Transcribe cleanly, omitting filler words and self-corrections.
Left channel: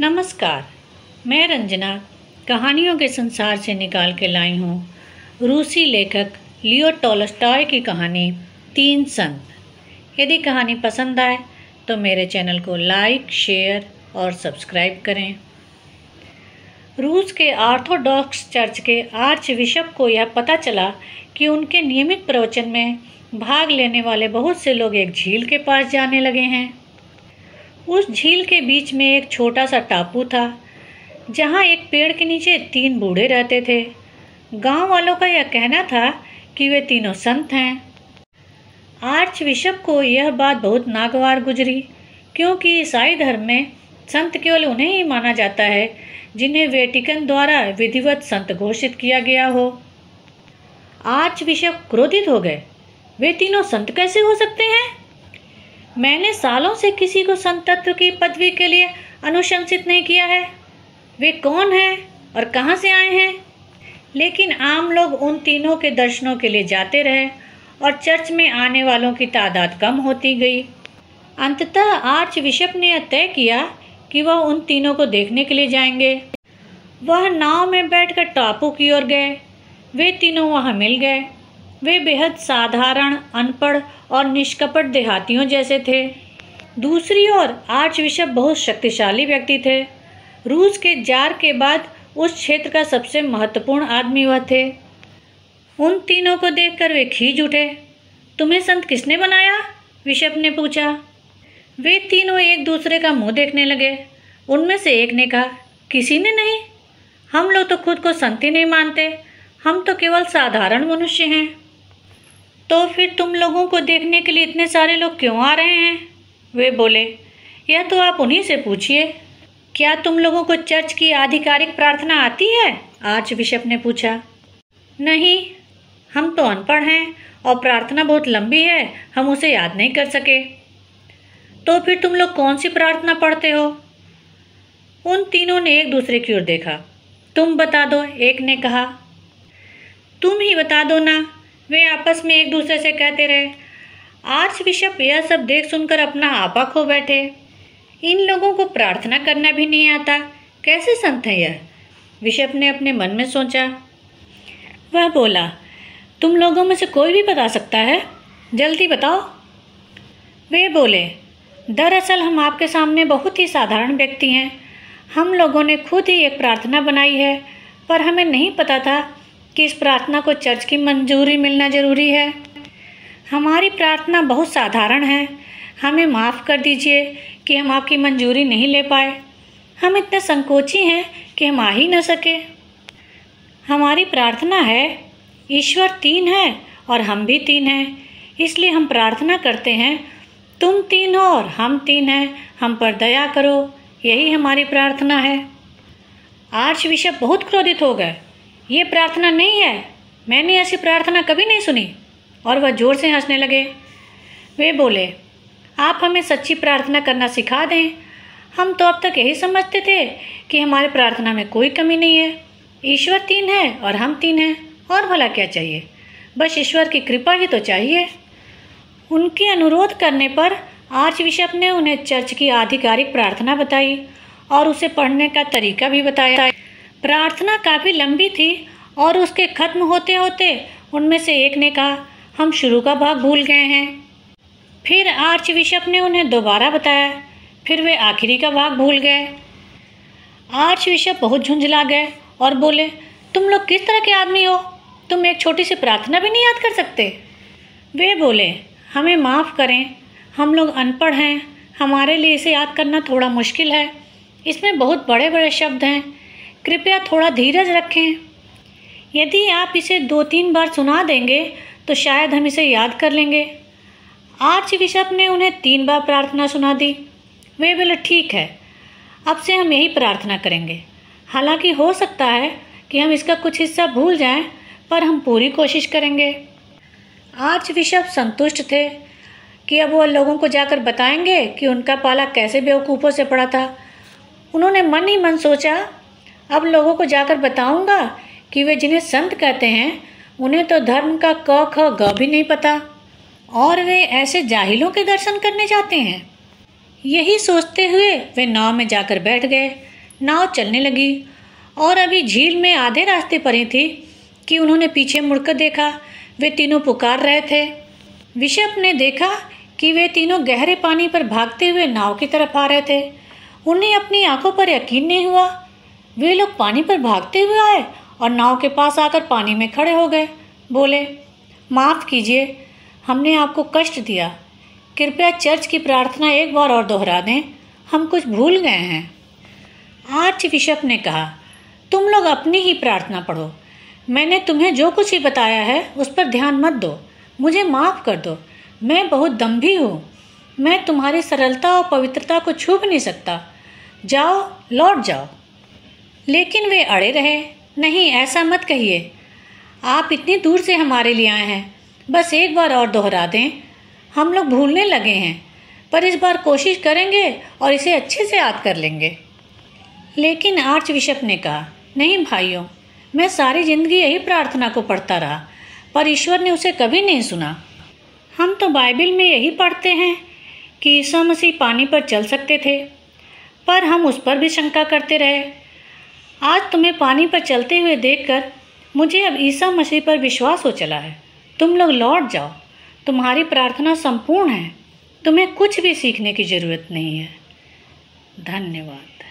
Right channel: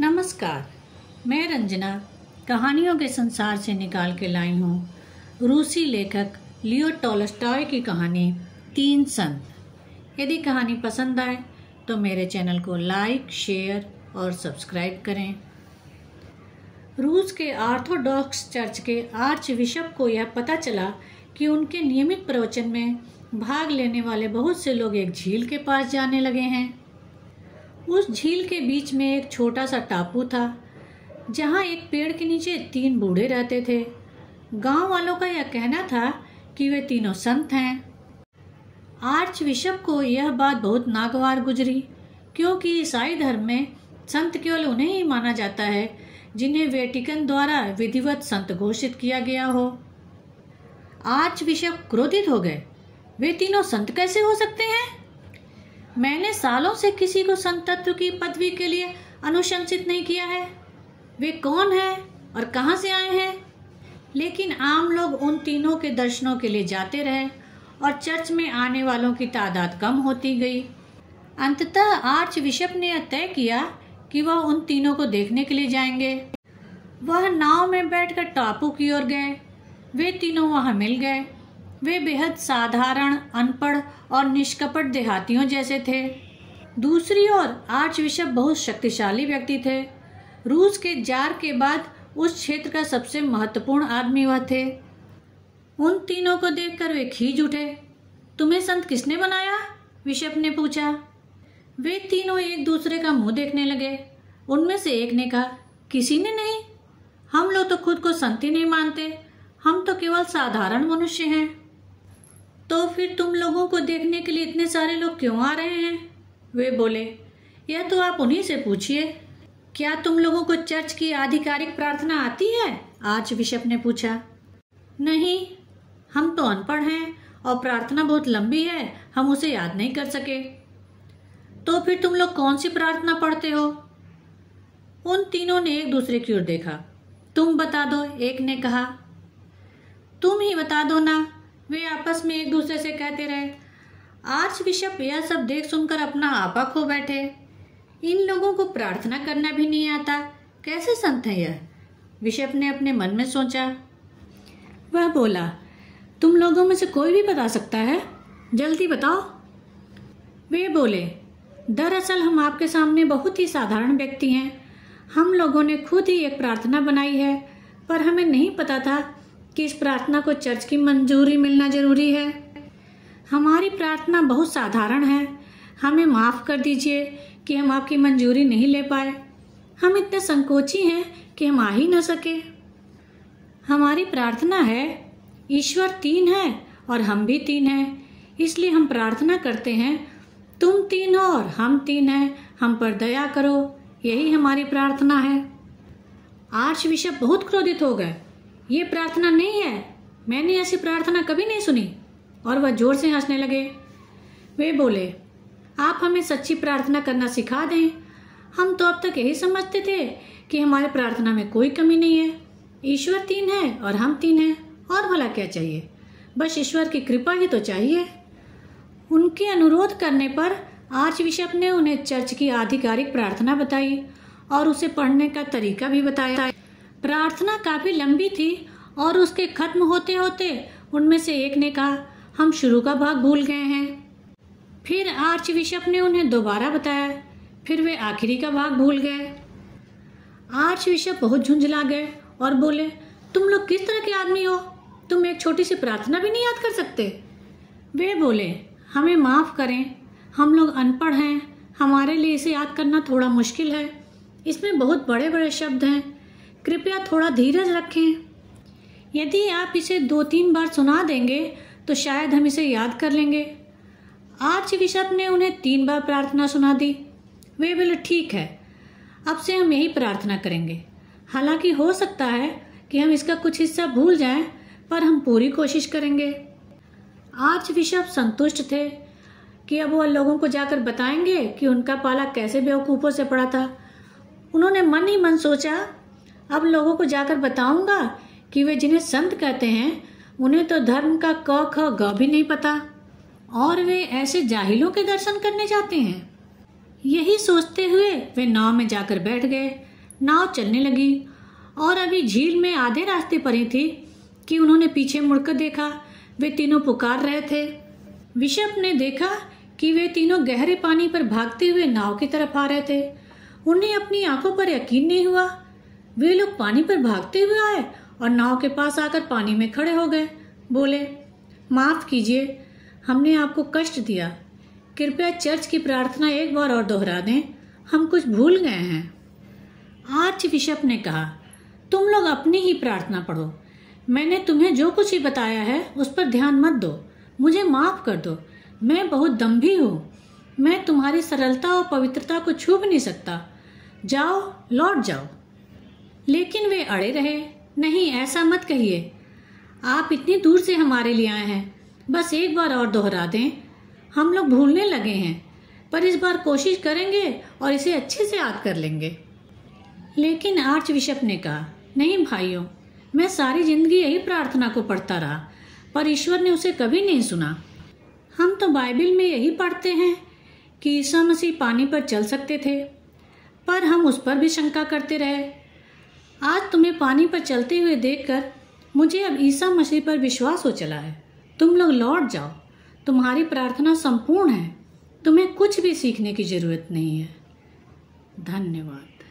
नमस्कार, मैं रंजना कहानियों के संसार से निकाल के लाई हूँ रूसी लेखक लियो टॉलस्टॉय की कहानी तीन संत। यदि कहानी पसंद आए तो मेरे चैनल को लाइक, शेयर और सब्सक्राइब करें। रूस के ऑर्थोडॉक्स चर्च के आर्च बिशप को यह पता चला कि उनके नियमित प्रवचन में भाग लेने वाले बहुत से लोग एक झील के पास जाने लगे हैं। उस झील के बीच में एक छोटा सा टापू था जहाँ एक पेड़ के नीचे तीन बूढ़े रहते थे। गांव वालों का यह कहना था कि वे तीनों संत हैं। आर्च बिशप को यह बात बहुत नागवार गुजरी, क्योंकि ईसाई धर्म में संत केवल उन्हें ही माना जाता है जिन्हें वेटिकन द्वारा विधिवत संत घोषित किया गया हो। आर्च बिशप क्रोधित हो गए। वे तीनों संत कैसे हो सकते हैं? मैंने सालों से किसी को संतत्व की पदवी के लिए अनुशंसित नहीं किया है। वे कौन हैं और कहां से आए हैं? लेकिन आम लोग उन तीनों के दर्शनों के लिए जाते रहे और चर्च में आने वालों की तादाद कम होती गई। अंततः आर्च बिशप ने यह तय किया कि वह उन तीनों को देखने के लिए जाएंगे। वह नाव में बैठकर टापू की ओर गए। वे तीनों वहां मिल गए। वे बेहद साधारण, अनपढ़ और निष्कपट देहातियों जैसे थे। दूसरी ओर आर्च बिशप बहुत शक्तिशाली व्यक्ति थे। रूस के जार के बाद उस क्षेत्र का सबसे महत्वपूर्ण आदमी वह थे। उन तीनों को देखकर वे खींच उठे। तुम्हें संत किसने बनाया? बिशप ने पूछा। वे तीनों एक दूसरे का मुंह देखने लगे। उनमें से एक ने कहा, किसी ने नहीं। हम लोग तो खुद को संत ही नहीं मानते। हम तो केवल साधारण मनुष्य हैं। तो फिर तुम लोगों को देखने के लिए इतने सारे लोग क्यों आ रहे हैं? वे बोले। यह तो आप उन्हीं से पूछिए। क्या तुम लोगों को चर्च की आधिकारिक प्रार्थना आती है? आर्च बिशप ने पूछा। नहीं, हम तो अनपढ़ हैं और प्रार्थना बहुत लंबी है, हम उसे याद नहीं कर सके। तो फिर तुम लोग कौन सी प्रार्थना पढ़ते हो? उन तीनों ने एक दूसरे की ओर देखा। तुम बता दो, एक ने कहा। तुम ही बता दो ना, वे आपस में एक दूसरे से कहते रहे। आर्च बिशप यह सब देख सुनकर अपना आपा खो बैठे। इन लोगों को प्रार्थना करना भी नहीं आता, कैसे संत है यह? बिशप ने अपने मन में सोचा। वह बोला, तुम लोगों में से कोई भी बता सकता है, जल्दी बताओ। वे बोले, दरअसल हम आपके सामने बहुत ही साधारण व्यक्ति हैं। हम लोगों ने खुद ही एक प्रार्थना बनाई है, पर हमें नहीं पता था कि इस प्रार्थना को चर्च की मंजूरी मिलना जरूरी है। हमारी प्रार्थना बहुत साधारण है। हमें माफ़ कर दीजिए कि हम आपकी मंजूरी नहीं ले पाए। हम इतने संकोची हैं कि हम आ ही न सके। हमारी प्रार्थना है, ईश्वर तीन है और हम भी तीन हैं, इसलिए हम प्रार्थना करते हैं, तुम तीन हो और हम तीन हैं, हम पर दया करो। यही हमारी प्रार्थना है। आर्च बिशप बहुत क्रोधित हो गए। ये प्रार्थना नहीं है, मैंने ऐसी प्रार्थना कभी नहीं सुनी। और वह जोर से हंसने लगे। वे बोले, आप हमें सच्ची प्रार्थना करना सिखा दें। हम तो अब तक यही समझते थे कि हमारे प्रार्थना में कोई कमी नहीं है। ईश्वर तीन है और हम तीन हैं, और भला क्या चाहिए? बस ईश्वर की कृपा ही तो चाहिए। उनके अनुरोध करने पर आर्च बिशप ने उन्हें चर्च की आधिकारिक प्रार्थना बताई और उसे पढ़ने का तरीका भी बताया। प्रार्थना काफी लंबी थी और उसके खत्म होते होते उनमें से एक ने कहा, हम शुरू का भाग भूल गए हैं। फिर आर्च बिशप ने उन्हें दोबारा बताया। फिर वे आखिरी का भाग भूल गए। आर्च बिशप बहुत झुंझला गए और बोले, तुम लोग किस तरह के आदमी हो? तुम एक छोटी सी प्रार्थना भी नहीं याद कर सकते? वे बोले, हमें माफ़ करें, हम लोग अनपढ़ हैं, हमारे लिए इसे याद करना थोड़ा मुश्किल है। इसमें बहुत बड़े बड़े शब्द हैं, कृपया थोड़ा धीरज रखें। यदि आप इसे 2-3 बार सुना देंगे तो शायद हम इसे याद कर लेंगे। आर्च बिशप ने उन्हें 3 बार प्रार्थना सुना दी। वे बोले, ठीक है, अब से हम यही प्रार्थना करेंगे। हालांकि हो सकता है कि हम इसका कुछ हिस्सा भूल जाएं, पर हम पूरी कोशिश करेंगे। आर्च बिशप संतुष्ट थे कि अब वह लोगों को जाकर बताएंगे कि उनका पाला कैसे बेवकूफ़ों से पड़ा था। उन्होंने मन ही मन सोचा, अब लोगों को जाकर बताऊंगा कि वे जिन्हें संत कहते हैं उन्हें तो धर्म का क ख ग भी नहीं पता और वे ऐसे जाहिलों के दर्शन करने जाते हैं। यही सोचते हुए वे नाव में जाकर बैठ गए। नाव चलने लगी और अभी झील में आधे रास्ते पर ही थी कि उन्होंने पीछे मुड़कर देखा। वे तीनों पुकार रहे थे। बिशप ने देखा कि वे तीनों गहरे पानी पर भागते हुए नाव की तरफ आ रहे थे। उन्हें अपनी आंखों पर यकीन नहीं हुआ। वे लोग पानी पर भागते हुए आए और नाव के पास आकर पानी में खड़े हो गए। बोले, माफ़ कीजिए, हमने आपको कष्ट दिया। कृपया चर्च की प्रार्थना एक बार और दोहरा दें, हम कुछ भूल गए हैं। आर्च बिशप ने कहा, तुम लोग अपनी ही प्रार्थना पढ़ो। मैंने तुम्हें जो कुछ ही बताया है उस पर ध्यान मत दो। मुझे माफ़ कर दो, मैं बहुत दम्भी हूँ। मैं तुम्हारी सरलता और पवित्रता को छू भी नहीं सकता। जाओ, लौट जाओ। लेकिन वे अड़े रहे। नहीं, ऐसा मत कहिए। आप इतनी दूर से हमारे लिए आए हैं, बस एक बार और दोहरा दें। हम लोग भूलने लगे हैं, पर इस बार कोशिश करेंगे और इसे अच्छे से याद कर लेंगे। लेकिन आर्च बिशप ने कहा, नहीं भाइयों, मैं सारी जिंदगी यही प्रार्थना को पढ़ता रहा, पर ईश्वर ने उसे कभी नहीं सुना। हम तो बाइबल में यही पढ़ते हैं कि ईसा मसीह पानी पर चल सकते थे, पर हम उस पर भी शंका करते रहे। आज तुम्हें पानी पर चलते हुए देखकर मुझे अब ईसा मसीह पर विश्वास हो चला है। तुम लोग लौट जाओ। तुम्हारी प्रार्थना संपूर्ण है। तुम्हें कुछ भी सीखने की जरूरत नहीं है। धन्यवाद।